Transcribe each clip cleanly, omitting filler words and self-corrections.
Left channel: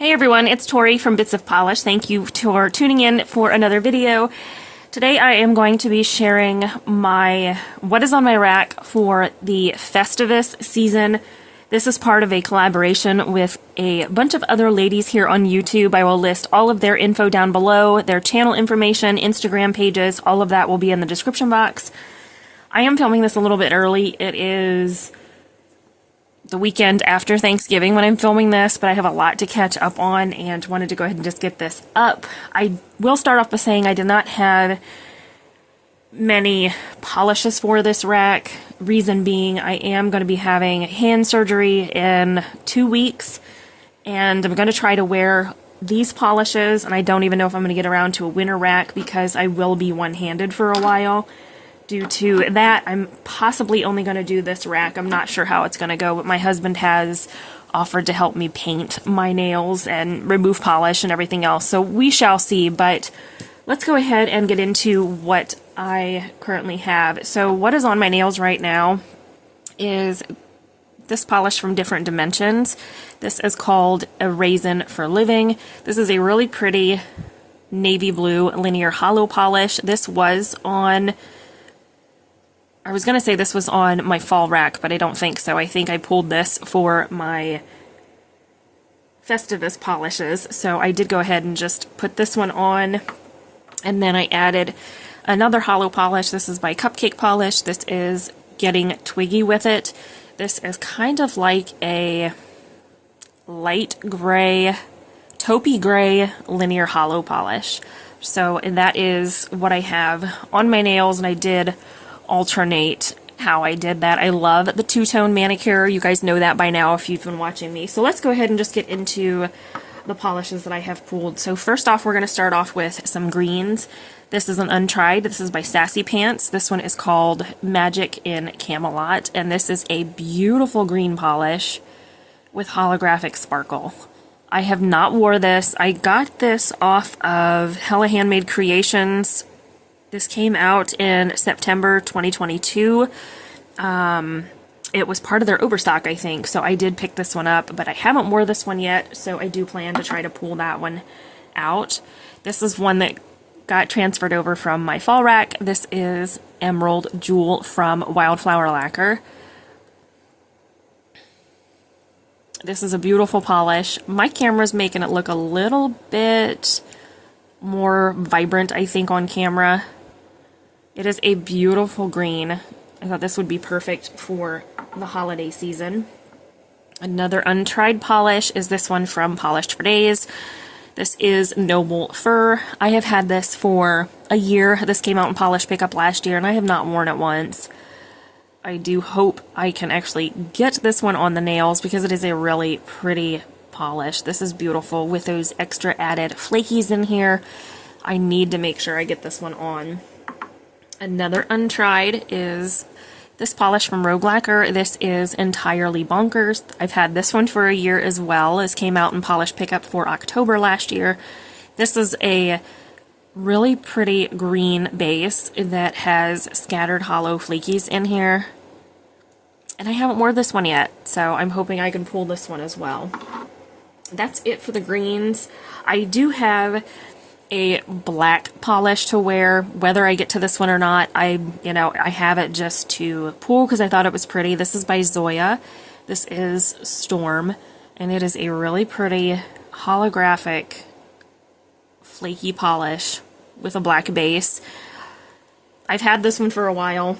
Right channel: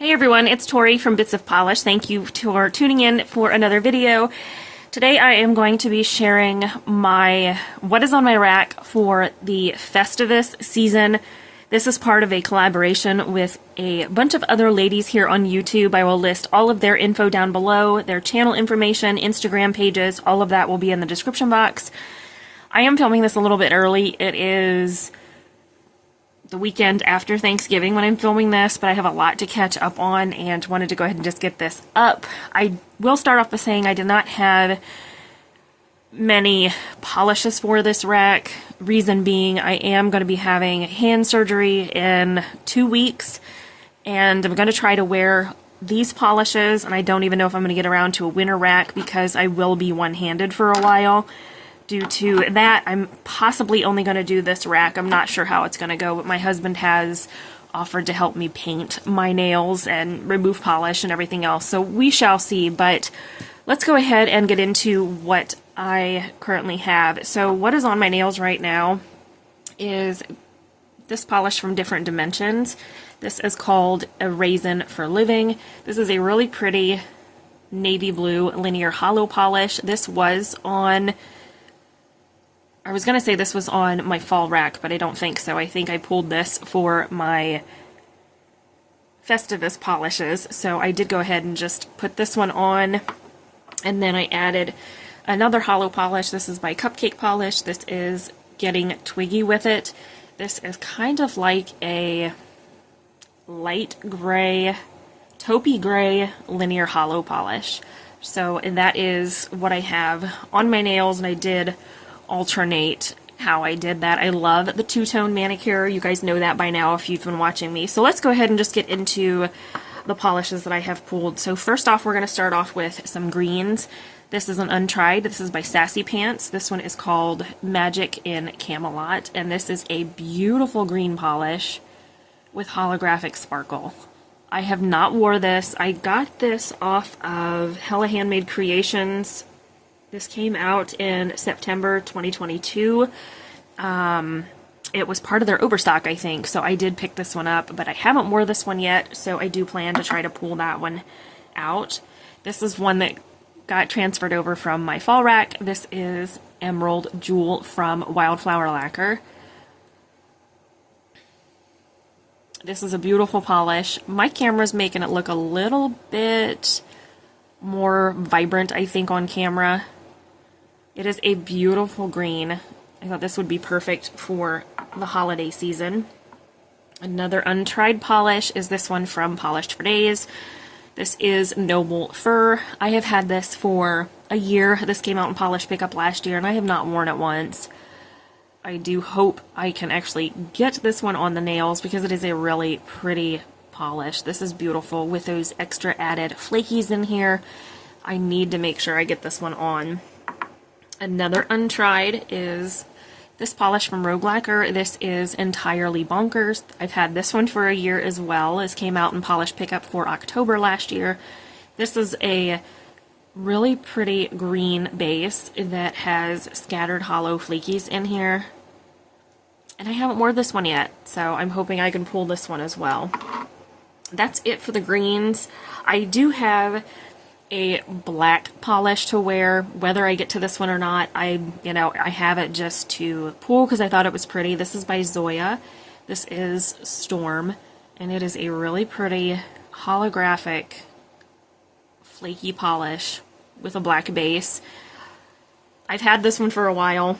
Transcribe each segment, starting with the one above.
Hey everyone, it's Tori from Bits of Polish. Thank you for tuning in for another video. Today I am going to be sharing what is on my rack for the Festivus season. This is part of a collaboration with a bunch of other ladies here on YouTube. I will list all of their info down below, their channel information, Instagram pages, all of that will be in the description box. I am filming this a little bit early. It is the weekend after Thanksgiving when I'm filming this, but I have a lot to catch up on and wanted to go ahead and just get this up. I will start off by saying I did not have many polishes for this rack. Reason being, I am going to be having hand surgery in 2 weeks, and I'm going to try to wear these polishes, and I don't even know if I'm going to get around to a winter rack because I will be one-handed for a while. Due to that, I'm possibly only going to do this rack. I'm not sure how it's going to go, but my husband has offered to help me paint my nails and remove polish and everything else, so we shall see. But let's go ahead and get into what I currently have. So what is on my nails right now is this polish from Different Dimensions. This is called a Raisin for Living. This is a really pretty navy blue linear hollow polish. This was on... I was going to say this was on my fall rack, but I don't think so. I think I pulled this for my Festivus polishes. So I did go ahead and just put this one on. And then I added another hollow polish. This is by Cupcake Polish. This is Getting Twiggy with It. This is kind of like a light gray, taupey gray linear hollow polish. So that is what I have on my nails, and I did alternate how I did that. I love the two-tone manicure. You guys know that by now if you've been watching me. So let's go ahead and just get into the polishes that I have pulled. So first off, we're going to start off with some greens. This is an untried. This is by Sassy Pants. This one is called Magic in Camelot, and this is a beautiful green polish with holographic sparkle. I have not wore this. I got this off of Hella Handmade Creations. This came out in September 2022. It was part of their overstock, I think, so I did pick this one up, but I haven't wore this one yet, so I do plan to try to pull that one out. This is one that got transferred over from my fall rack. This is Emerald Jewel from Wildflower Lacquer. This is a beautiful polish. My camera's making it look a little bit more vibrant, I think, on camera. It is a beautiful green. I thought this would be perfect for the holiday season. Another untried polish is this one from Polished for Days. This is Noble Fur. I have had this for a year. This came out in Polish Pickup last year, and I have not worn it once. I do hope I can actually get this one on the nails because it is a really pretty polish. This is beautiful with those extra added flakies in here. I need to make sure I get this one on. Another untried is this polish from Rogue Lacquer. This is Entirely Bonkers. I've had this one for a year as well. This came out in Polish Pickup for October last year. This is a really pretty green base that has scattered hollow flakies in here. And I haven't worn this one yet, so I'm hoping I can pull this one as well. That's it for the greens. I do have a black polish to wear, whether I get to this one or not. I have it just to pull because I thought it was pretty. This is by Zoya. This is Storm, and it is a really pretty holographic flaky polish with a black base. I've had this one for a while.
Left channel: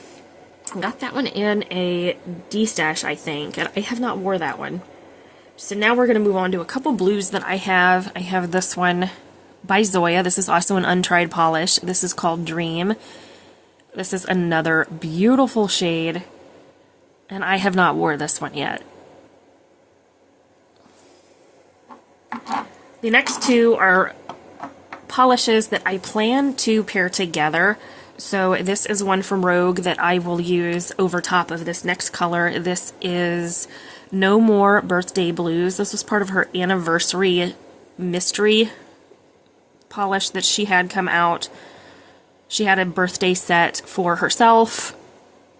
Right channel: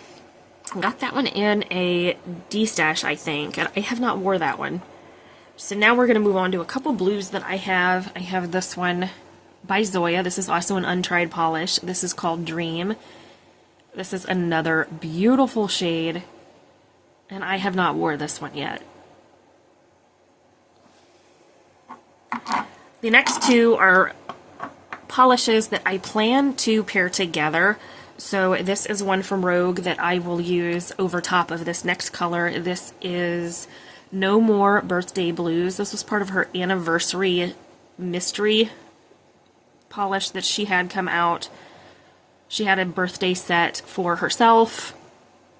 Got that one in a D-stash, I think, and I have not wore that one. So now we're going to move on to a couple blues that I have. I have this one by Zoya. This is also an untried polish. This is called Dream. This is another beautiful shade, and I have not wore this one yet. The next two are polishes that I plan to pair together. So this is one from Rogue that I will use over top of this next color. This is No More Birthday Blues. This was part of her anniversary mystery polish that she had come out. She had a birthday set for herself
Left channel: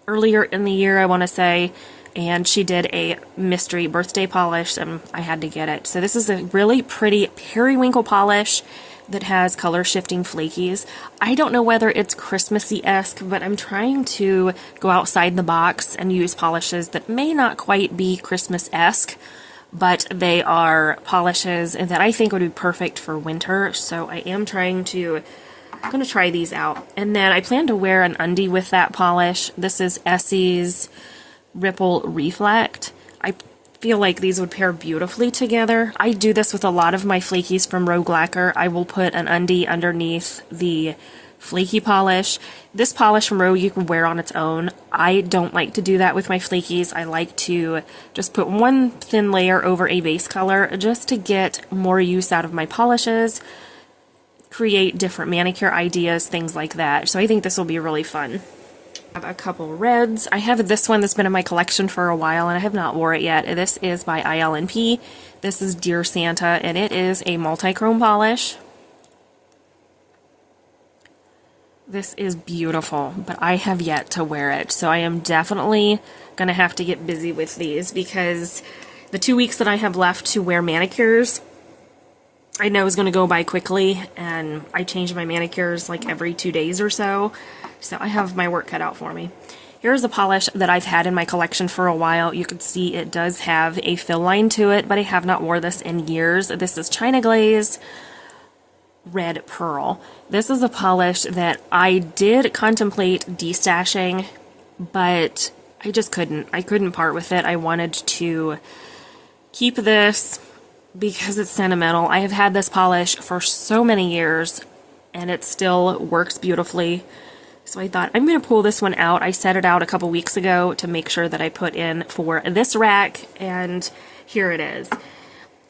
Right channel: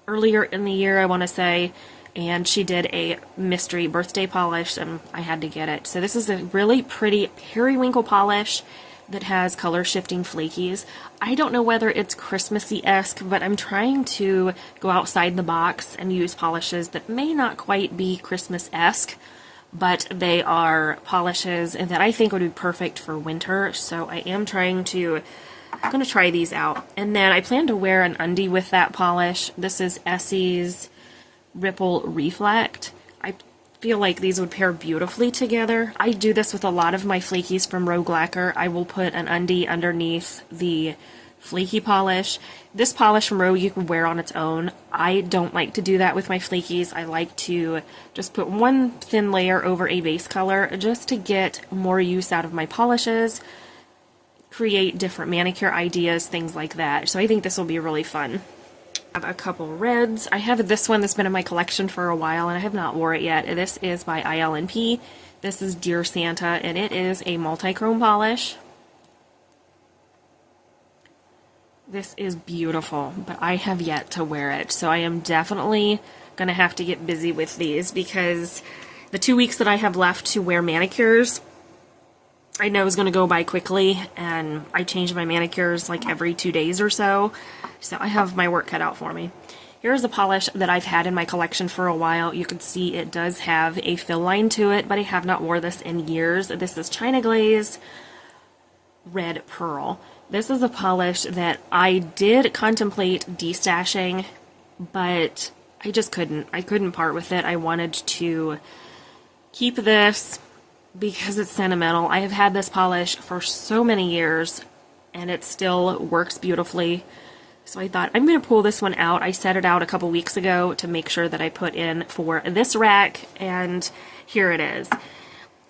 earlier in the year, I want to say, and she did a mystery birthday polish, and I had to get it. So this is a really pretty periwinkle polish that has color shifting flakies. I don't know whether it's Christmassy-esque, but I'm trying to go outside the box and use polishes that may not quite be Christmas-esque, but they are polishes that I think would be perfect for winter. So I am I'm going to try these out. And then I plan to wear an undie with that polish. This is Essie's Ripple Reflect. I feel like these would pair beautifully together. I do this with a lot of my flakies from Rogue Lacquer. I will put an undie underneath the flaky polish. This polish from Rogue you can wear on its own. I don't like to do that with my flakies. I like to just put one thin layer over a base color just to get more use out of my polishes, create different manicure ideas, things like that. So I think this will be really fun. I have a couple reds. I have this one that's been in my collection for a while and I have not wore it yet. This is by ILNP. This is Dear Santa, and it is a multi-chrome polish. This is beautiful, but I have yet to wear it. So I am definitely going to have to get busy with these because the 2 weeks that I have left to wear manicures, I know is going to go by quickly, and I change my manicures like every 2 days or so. So I have my work cut out for me. Here's a polish that I've had in my collection for a while. You can see it does have a fill line to it, but I have not worn this in years. This is China Glaze Red Pearl. This is a polish that I did contemplate destashing, but I just couldn't. I couldn't part with it. I wanted to keep this because it's sentimental. I have had this polish for so many years, and it still works beautifully. So I thought, I'm going to pull this one out. I set it out a couple weeks ago to make sure that I put in for this rack, and here it is.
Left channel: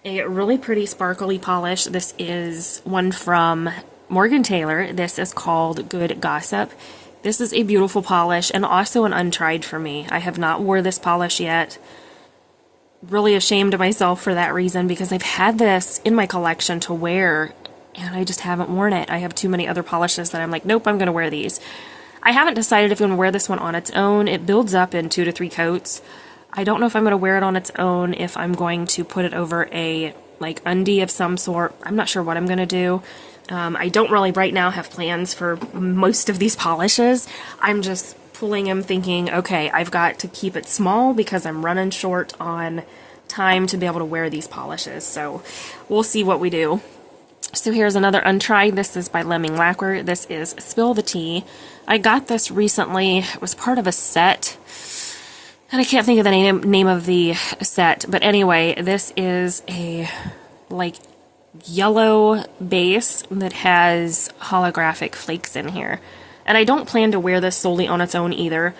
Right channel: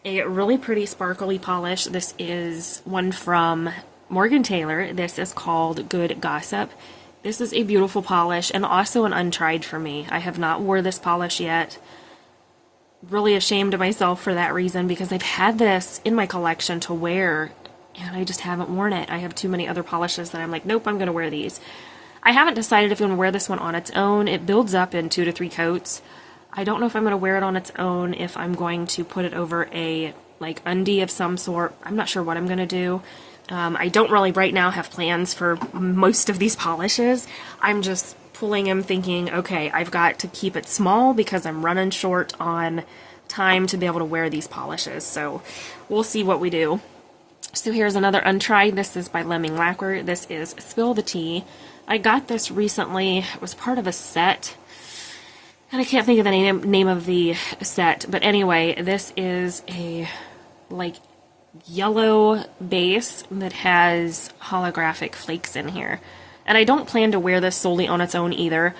A really pretty sparkly polish. This is one from Morgan Taylor. This is called Good Gossip. This is a beautiful polish and also an untried for me. I have not wore this polish yet. Really ashamed of myself for that reason because I've had this in my collection to wear and I just haven't worn it. I have too many other polishes that I'm like, nope, I'm going to wear these. I haven't decided if I'm going to wear this one on its own. It builds up in 2 to 3 coats. I don't know if I'm going to wear it on its own, if I'm going to put it over a like undie of some sort. I'm not sure what I'm going to do. I don't really right now have plans for most of these polishes. I'm just pulling them thinking, okay, I've got to keep it small because I'm running short on time to be able to wear these polishes. So we'll see what we do. So here's another untried. This is by Lemming Lacquer. This is Spill the Tea. I got this recently. It was part of a set, and I can't think of the name of the set. But anyway, this is a like yellow base that has holographic flakes in here. And I don't plan to wear this solely on its own either.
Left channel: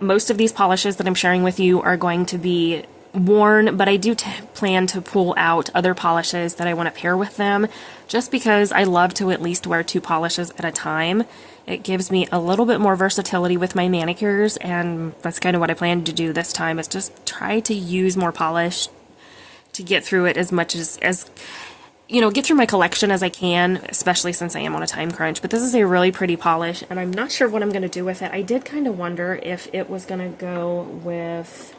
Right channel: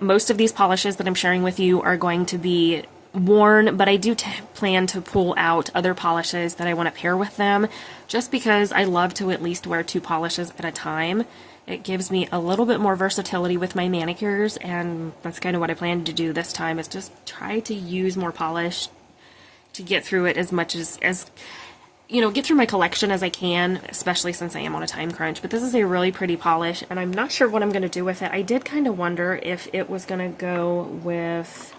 Most of these polishes that I'm sharing with you are going to be worn, but I do plan to pull out other polishes that I want to pair with them, just because I love to at least wear 2 polishes at a time. It gives me a little bit more versatility with my manicures, and that's kind of what I plan to do this time, is just try to use more polish to get through it as much as you know, get through my collection as I can, especially since I am on a time crunch. But this is a really pretty polish, and I'm not sure what I'm going to do with it. I did kind of wonder if it was going to go with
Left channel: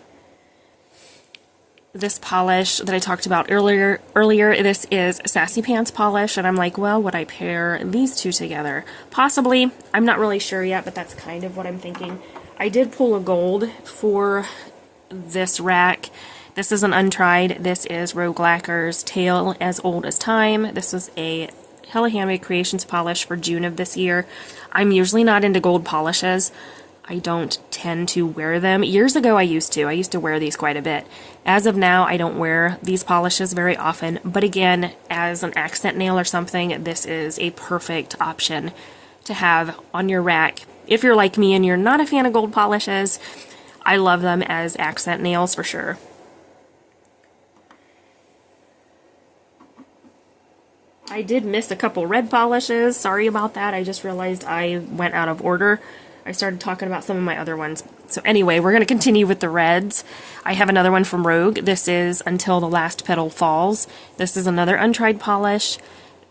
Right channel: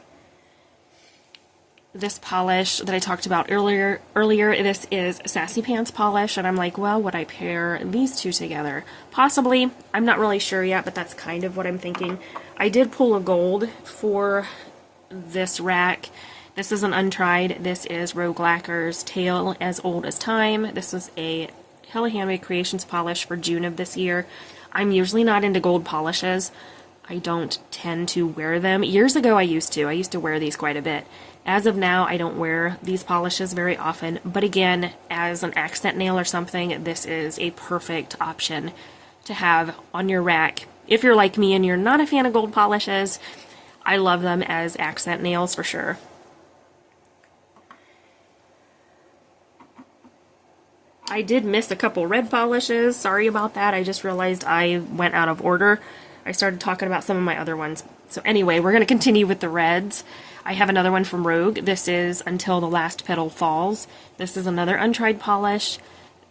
this polish that I talked about earlier. This is Sassy Pants polish, and I'm like, well, would I pair these two together? Possibly. I'm not really sure yet, but that's kind of what I'm thinking. I did pull a gold for this rack. This is an untried. This is Rogue Lacquer's Tale as Old as Time. This is a Hella Handmade Creations polish for June of this year. I'm usually not into gold polishes. I don't tend to wear them. Years ago I used to wear these quite a bit. As of now, I don't wear these polishes very often, but again, as an accent nail or something, this is a perfect option to have on your rack. If you're like me and you're not a fan of gold polishes, I love them as accent nails for sure. I did miss a couple red polishes. Sorry about that. I just realized I went out of order. I started talking about some of my other ones. So anyway, we're going to continue with the reds. I have another one from Rogue. This is Until the Last Petal Falls. This is another untried polish.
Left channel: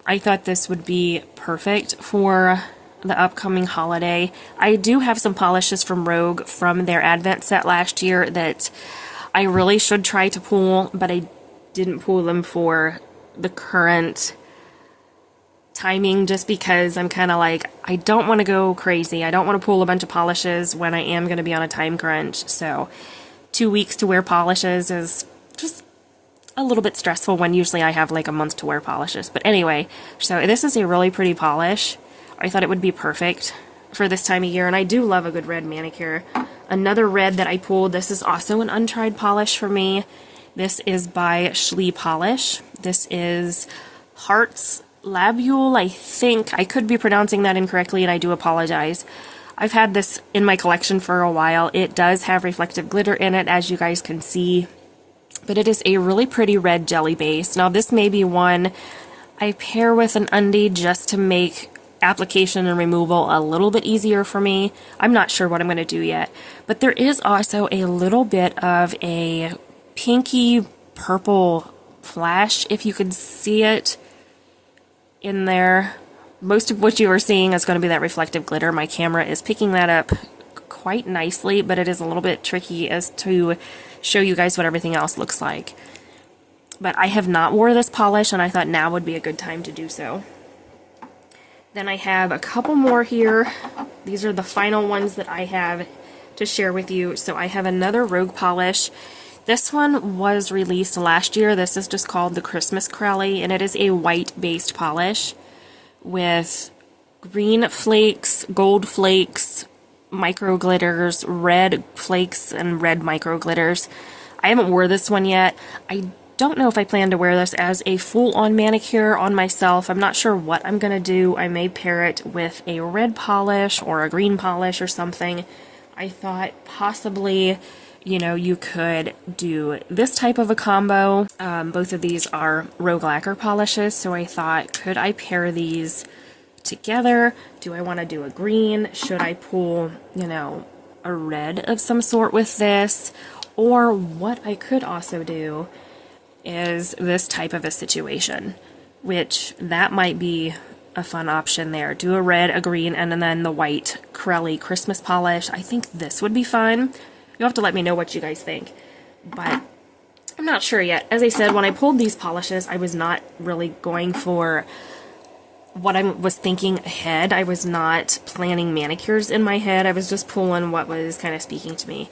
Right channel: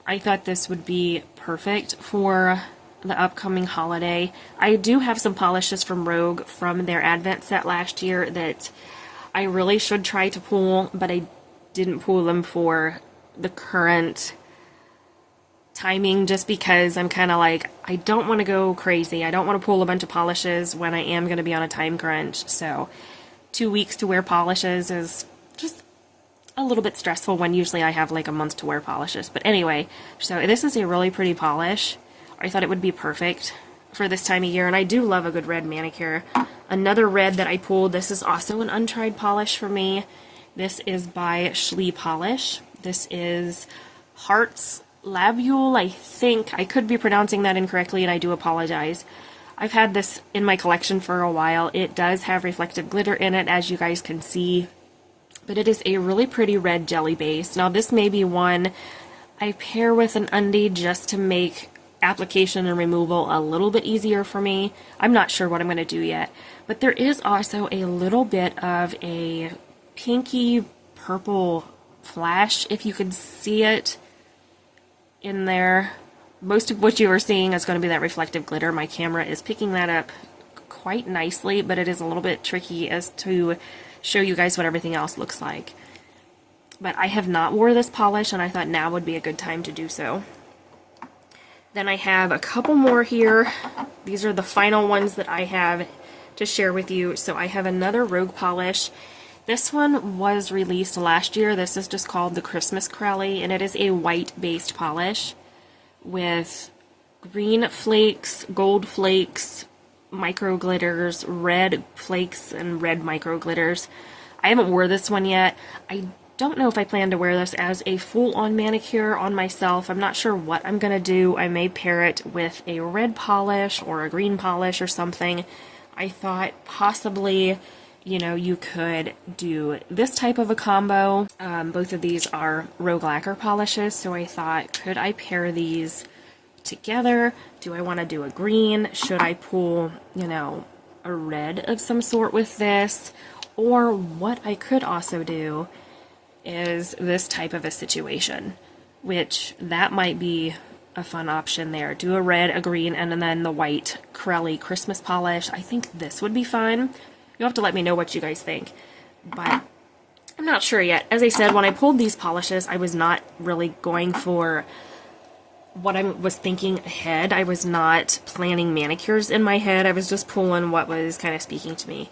I thought this would be perfect for the upcoming holiday. I do have some polishes from Rogue from their Advent set last year that I really should try to pull, but I didn't pull them for the current timing just because I'm kind of like, I don't want to go crazy. I don't want to pull a bunch of polishes when I am going to be on a time crunch. So 2 weeks to wear polishes is just a little bit stressful when usually I have like a month to wear polishes. But anyway, so this is a really pretty polish. I thought it would be perfect for this time of year, and I do love a good red manicure. Another red that I pulled, this is also an untried polish for me. This is by Shleee Polish. This is Heartslabyul, I think. I could be pronouncing that incorrectly, and I do apologize. I've had this in my collection for a while. It does have reflective glitter in it, as you guys can see. But it is a really pretty red jelly base. Now, this may be one I pair with an undie just to make application and removal a little bit easier for me. I'm not sure what I'm going to do yet. But there is also a little bit of a pinky purple flash, if you could see it in there. Most of what you are seeing is going to be that reflective glitter. My camera is picking that up quite nicely, but it is a little bit tricky as to show you guys what everything else looks like. But I have not wore this polish, and I thought now would be a good time to do so. Then I have a couple more here. These are the final ones that I have to share with you. So I have another Rogue polish. This one was released last year. This is just called the Christmas Crelly, and it is a white-based polish with green flakes, gold flakes, micro glitters, red flakes, and red micro glitters. I haven't wore this one yet. I don't know if I plan to wear this as a full-on manicure on myself. I'm not sure what I'm going to do. I may pair it with a red polish or a green polish or something. I thought possibly, you know, you could do this type of a combo. Both of these are Rogue Lacquer polishes, so I thought, could I pair these together? Do I want to do a green? Should I pull, you know, a red of some sort with this? Or what I could also do is this type of a situation, which that might be a fun option there. Do a red, a green, and then the white Crelly Christmas polish. I think this would be fun. You'll have to let me know what you guys think, but I'm not sure yet. As I said, when I pulled these polishes, I was not really going for what I was thinking ahead. I was not planning manicures in my head. I was just pulling what was kind of speaking to me.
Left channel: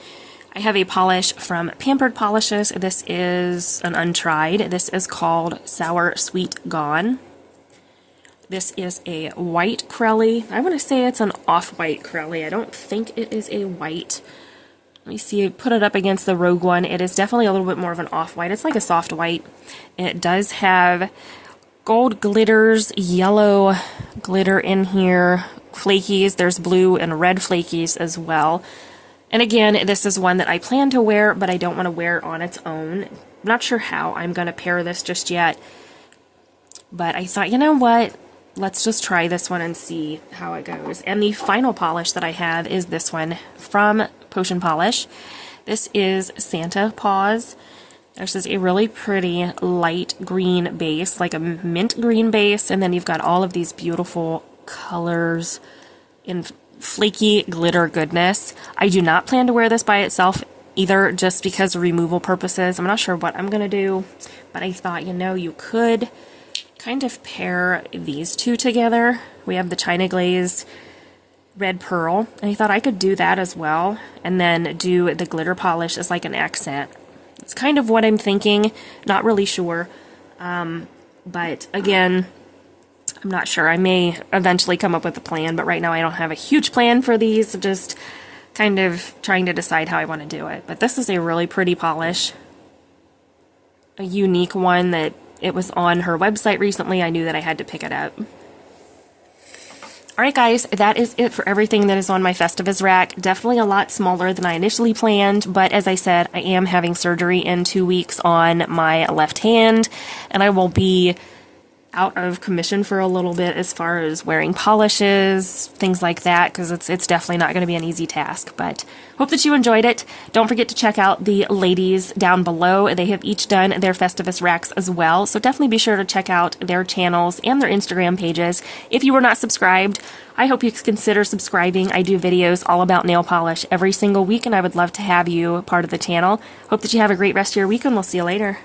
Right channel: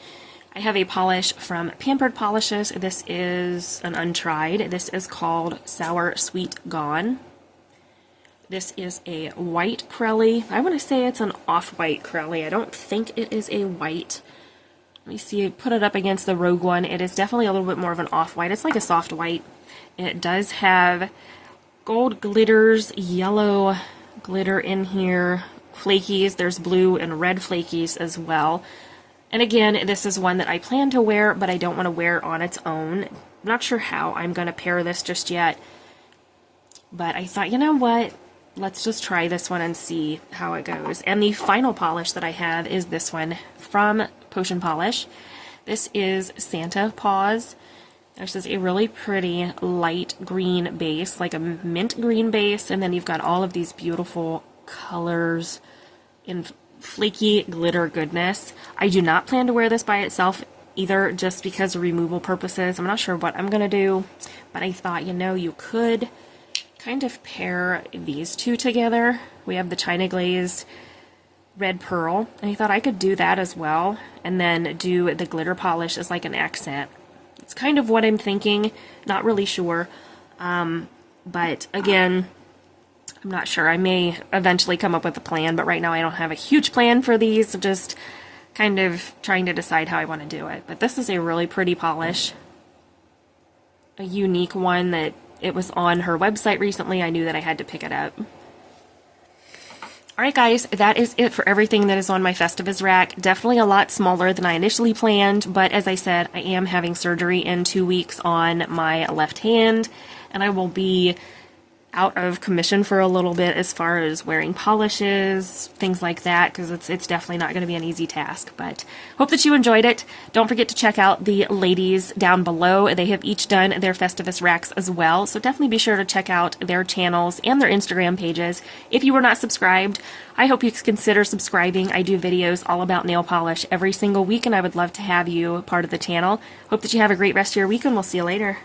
I have a polish from Pampered Polishes. This is an untried. This is called Sour Sweet Gone. This is a white Crelly. I want to say it's an off-white Crelly. I don't think it is a white. Let me see, put it up against the Rogue one. It is definitely a little bit more of an off-white. It's like a soft white. It does have gold glitters, yellow glitter in here, flakies. There's blue and red flakies as well. And again, this is one that I plan to wear, but I don't want to wear on its own. I'm not sure how I'm going to pair this just yet. But I thought, you know what? Let's just try this one and see how it goes. And the final polish that I have is this one from Potion Polish. This is Santa Paws. This is a really pretty light green base, like a mint green base, and then you've got all of these beautiful colors in flaky glitter goodness. I do not plan to wear this by itself either, just because of removal purposes. I'm not sure what I'm going to do, but I thought, you know, you could kind of pair these two together. We have the China Glaze Red Pearl, and I thought I could do that as well, and then do the glitter polish as like an accent. It's kind of what I'm thinking, not really sure, but again, I'm not sure. I may eventually come up with a plan, but right now I don't have a huge plan for these. I'm just kind of trying to decide how I want to do it. But this is a really pretty polish, a unique one that it was on her website recently. I knew that I had to pick it up. Alright guys, that is it for everything that is on my Festivus rack. Definitely a lot smaller than I initially planned, but as I said, I am having surgery in 2 weeks on my left hand, and I will be out of commission for a little bit as far as wearing polishes, things like that, because it's definitely not going to be an easy task. But hope that you enjoyed it. Don't forget to check out the ladies down below. They have each done their Festivus racks as well, so definitely be sure to check out their channels and their Instagram pages. If you were not subscribed, I hope you consider subscribing. I do videos all about nail polish every single week, and I would love to have you part of the channel. Hope that you have a great rest of your week, and we'll see you later.